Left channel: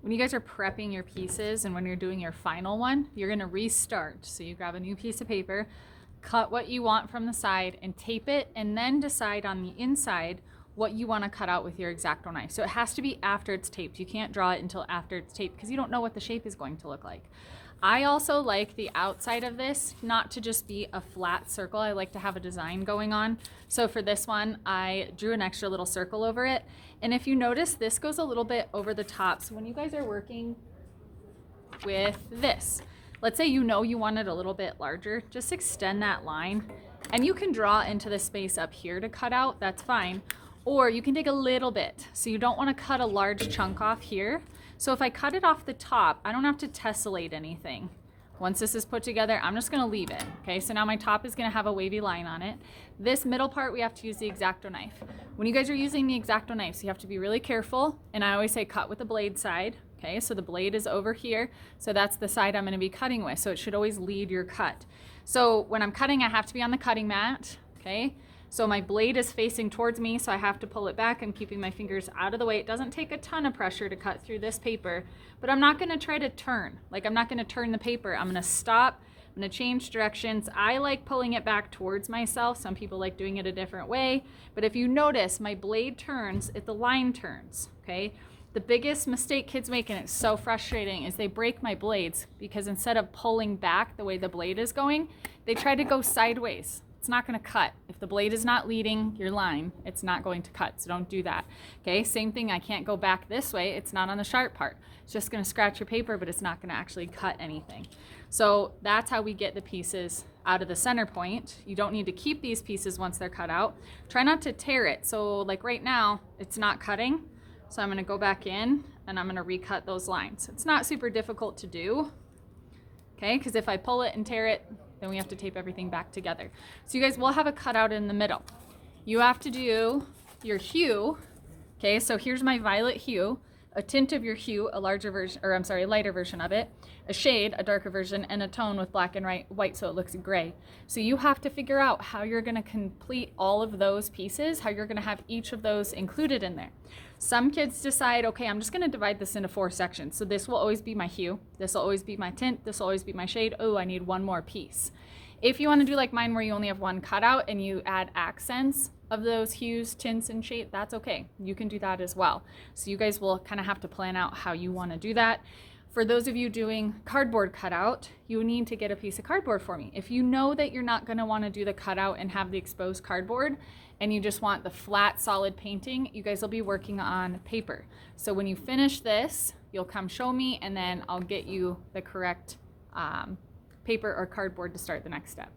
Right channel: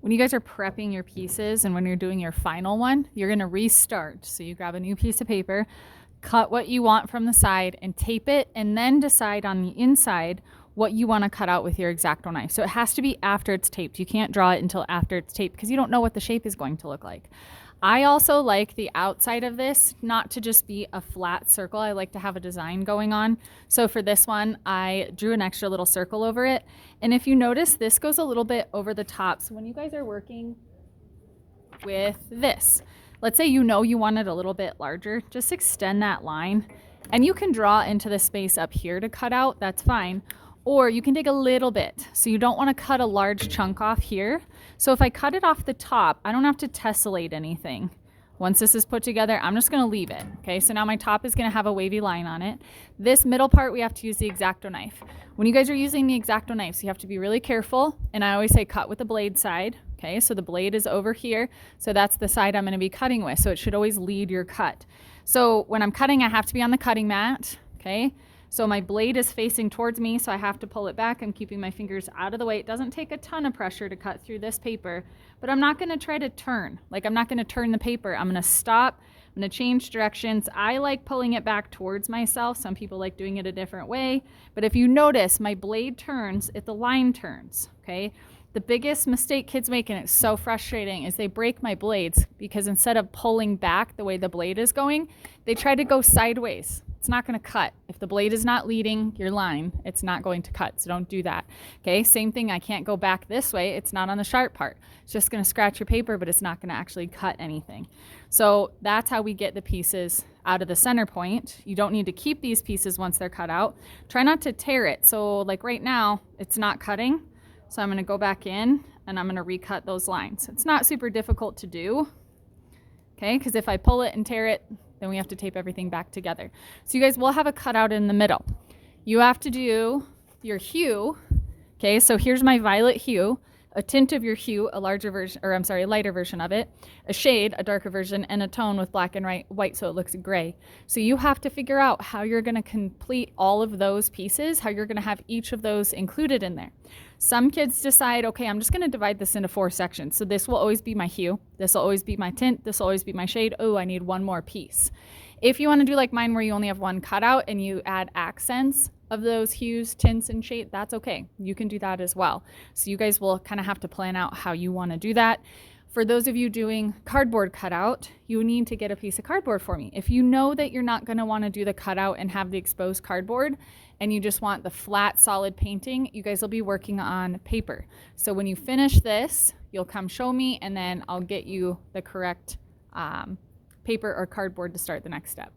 when you guys are prepping your pieces and when you're doing your final one, you're going to restart. So you grab a new piece of paper, cut what you want from the side and tape it, and then decide on the inside what you want to cut out with your X-Acto knife. So it has to be after it's taped. You can't draw it until after it's taped because you don't know what the shape is going to look like. I also like the outside of this not to just be a flat circle. I like to have a design going on. So for this one, I drew an extra little circle over it. And if you notice, this goes a little bit over the top. So when you guys are working with this, let's say you know you want it a little bit larger, just extend that line. And you can draw into the space up here to cut out, that's fine. Or you can take a little bit. So you don't want to cut a large chunk off here. So if I cut it off the top, I don't have to tessellate anything. Once this is put together, I'm just going to leave it. Okay, so now my top is going to have a wavy line on it. This middle part, we have to use the X-Acto knife. When you guys are using the X-Acto knives, you have to be really careful. And I always say cut with the blade side. Okay, so the blade is over here. So that's the side I'm going to be cutting with. So it should always lead your cut. So when I'm cutting, I have to be on the cutting mat. Okay. So my blade is facing towards me, so I have to pull it back. I'm keeping my fingers out of the way. It doesn't take a ton of pressure to cut through this paper, but I'm not going to try to turn. Like, I'm not going to turn the paper. I'm going to stop. I'm going to change directions. I like pulling it back towards myself. Some people like doing it a different way. But if you notice, my blade turns if the line turns, okay? The biggest mistake kids make, and it's so frustrating, is they break my blades because instead of pulling back the way the blade is going, they try to go sideways. It's not going to cut. If the blade is not leading your line, it's not going to cut. So don't do that. Okay, same thing. I can't go back this way. It's not on the sharp part. It's just going to scratch your paper, but it's not going to actually cut anything. So that's how we get the pieces out of the center point. You don't need to keep these pieces once they're cut out. Try not to tear it. So like right now, it's not cutting. So I'm going to go back in and I'm going to recut those lines. It's not super difficult to do. Okay, because if I pull it and tear it, then we have to tape everything back together. So you guys will have a cutout in the middle. You have to do your hue. Okay, so here's my violet hue, a tint of your hue, a larger version, or I'm sorry, a lighter version of it, a shade, a darker version, and a tone with black and white so it looks gray. So you have to figure out how you're going to complete all of those pieces, how you're going to have each of those included in there. Some kids decide, okay, I'm just going to divide this into 4 sections. So this will always be my hue, this will always be my tint, this will always be my shade. Oh, I need one more piece. If you want to do like mine where you only have one cutout and you add accents of those hues, tints, and shade, that's okay. You can do that as well. So you guys will kind of have to plan out how you want to do that. For those of you doing cardboard cutout, you need to get a piece of cardboard for me. If you know that you're not going to want to do the cutout and have the exposed cardboard, and you just want the flat, solid painting, you guys will be working on paper. So when you finish this, you'll come show me, and then I'll get you the correct paper or cardboard to start the next step.